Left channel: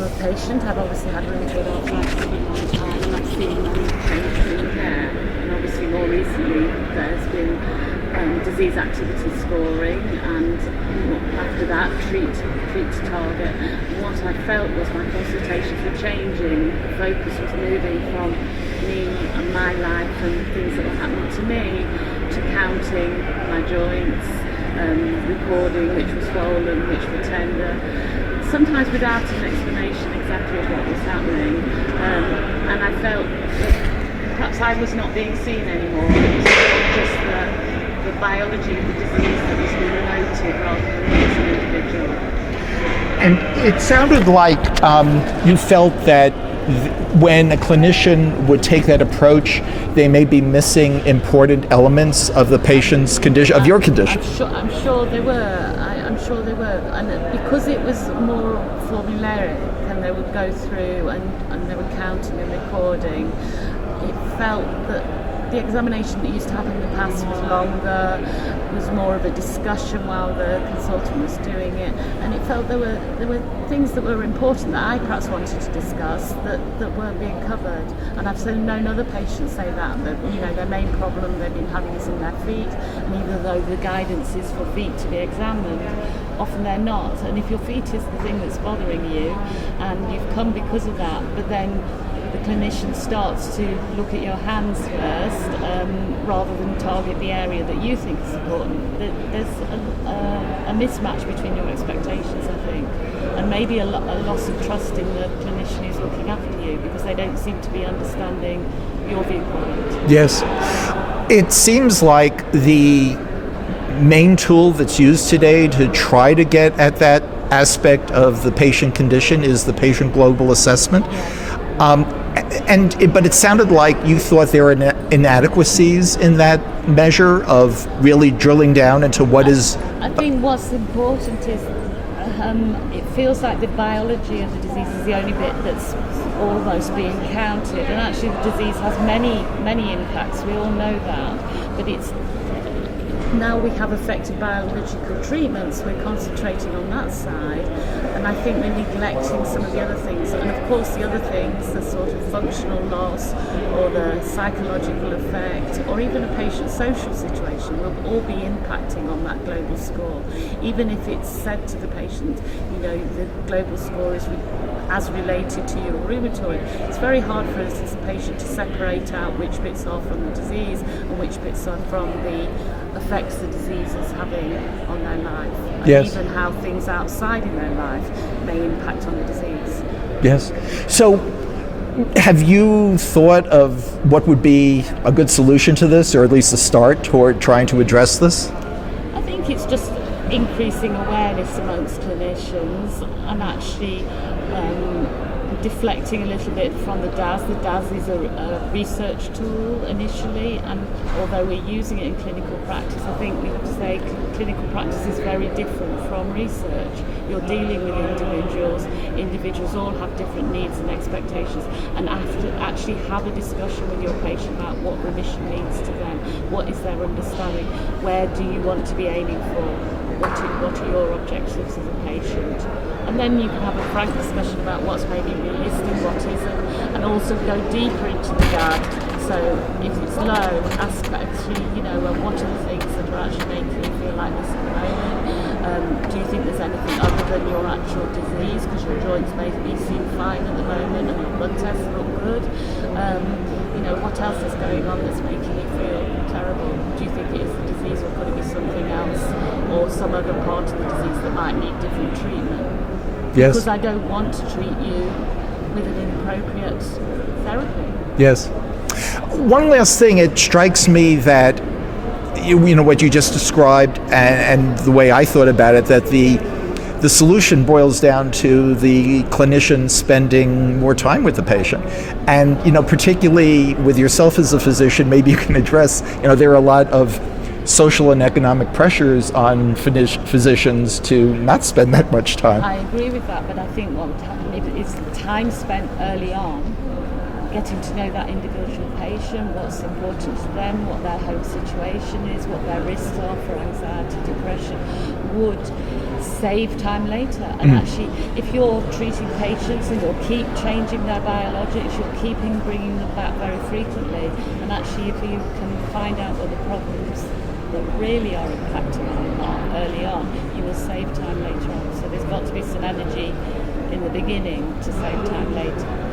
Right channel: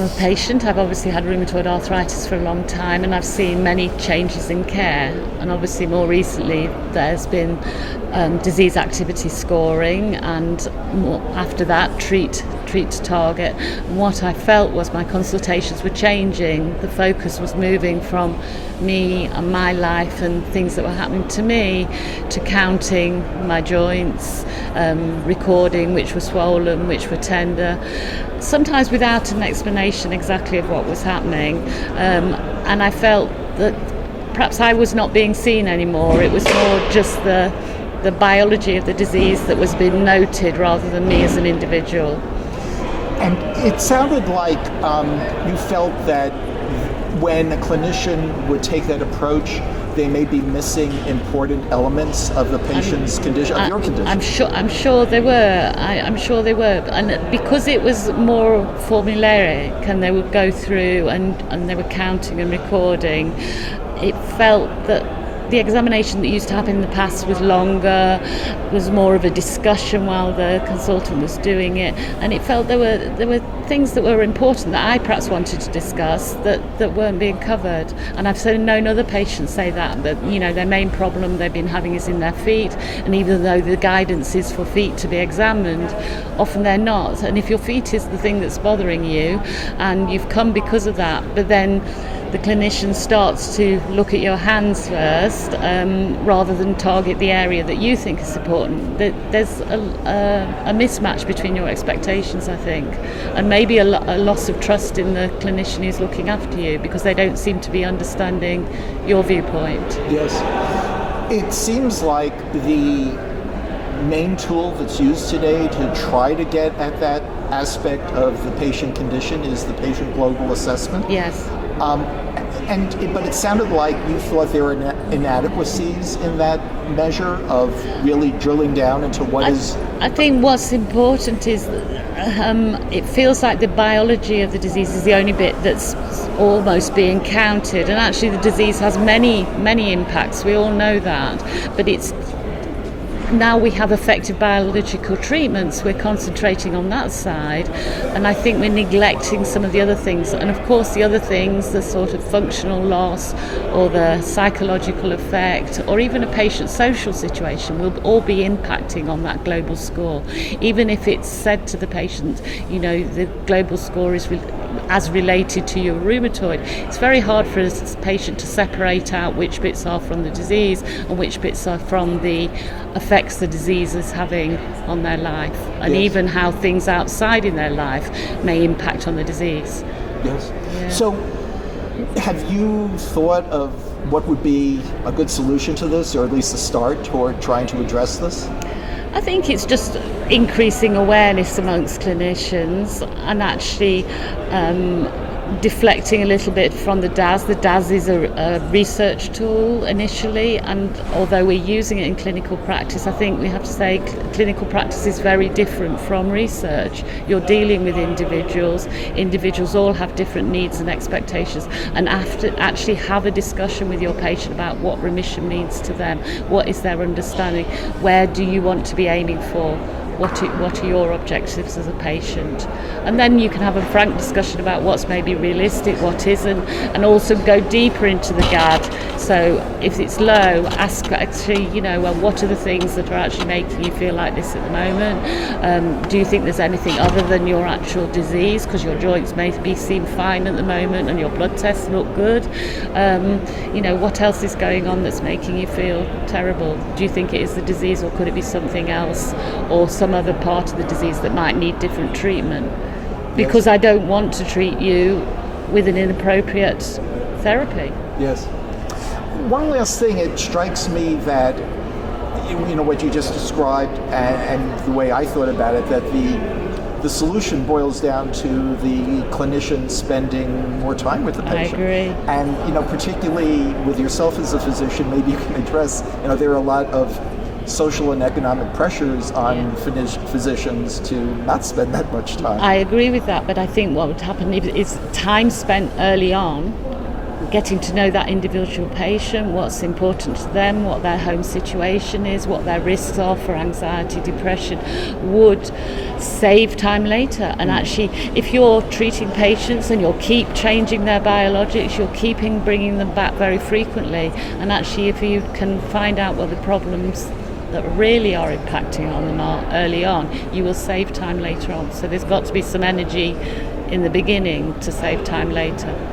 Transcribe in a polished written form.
I'm a patient. I've obviously had rheumatoid arthritis for a long time, and I've seen many changes in care. And obviously more recently there's been disease activity scoring, and after that treat to target. And what I felt was my consultations were changing. The focus was moving from me and my life and things that were happening to me to counting my joints, recording which were swollen, which were tender, sometimes without an explanation exactly of what was happening. And I felt that perhaps I was not being seen anymore. It was more just the biology of the disease that was being noted rather than me as an individual. And it sounded like you felt that when a clinician would take that approach, they may be missing important elements of the patient's condition, of your condition. I'm sure they were. I'm sure they were. And because it was more formulaic, and they would go through and they were counting and recording, it felt that the examination that used to happen in the past was longer, was more of a discussion while the consultant was doing it, and it felt there were things that were important that I perhaps wanted to discuss that weren't being covered. And I've known other patients say that their main problem they've been having is in their feet, and even though the guidance is for feet to be examined, often they're not. And if your feet is the thing that's bothering you, and you've come because of that, but then the clinician starts to look at your hands first, rather than target the area that you think is important. There's a mismatch between your expectations, I think, and maybe a loss of trust in the clinician who's looking after you, because they don't seem to be understanding your viewpoint. Yes. It seems like the main tool that's used today to try to get at that aspect of the patient condition is the patient global assessment. Yes. But it sounded like you thought there were inadequacies in that measure of really drilling down into what is... I think what's important is it feels like the biology of the disease is the only bit that's almost being counted, and actually the disease has many impacts. We all know that, but it's now we have effective biological treatments, we're concentrating on that side, and I think we're neglecting some of the other things. And of course the other things, the sort of functional loss or the psychological effect or even a patient's social situation, will all be impacting on that global score. Even if it's said to the patient, the global score is as related to your rheumatoid, it's very hard for a patient to separate out which bits are from the disease and which bits are from the effects the disease is having on their life, and yes, even how things outside in their life may impact on the disease. Yes. So have you thought of what would be a good solution to this, or at least a start toward trying to address this? I think it's just increasing awareness amongst clinicians and actually deflecting a little bit from the DAS. The DAS is a research tool initially, and although we're using it in clinical practice, I think we have to say clinical practice is very different from research. You're dealing with individuals. Individuals all have different needs and expectations, and actually have a discussion with your patient about what remission means to them, what is their understanding, where do you want to be aiming for, what are your objectives as a patient, and then you can have a frank discussion about what's maybe realistic, what isn't, and also go deeper into the GAD. So if it's low, ask actually, what are the things that are actually making you feel like this at the moment? Do you think there's anything other than your actual disease, because your joints may seem fine at the moment and your blood tests look good? What else is going on that's making you feel terrible? Do you think it is the disease, or could it be something else, or some other part of the disease that might need different treatment? Yes. Because I don't want to treat you with an inappropriate therapy. Yes. One last thing, it strikes me that what you just described and the way I thought about it, that the solution boils down to the clinician spending more time with the patient. I agree. And particularly with yourself as a physician, maybe you can address, there are a lot of social and economic pressures on physicians to not spend that much time. I agree with that, but I think what would happen is time spent early on getting to know that individual patient, what's important to them, what their home situation is, what their risks are for anxiety, depression, would save time later. And actually, if you're treating patients and you'll keep changing their biologics, you'll keep bringing them back very frequently, and actually if you can find out what the problems that really are impacting on them are early on, you will save time later on. So there's got to be some energy in the beginning to save time later.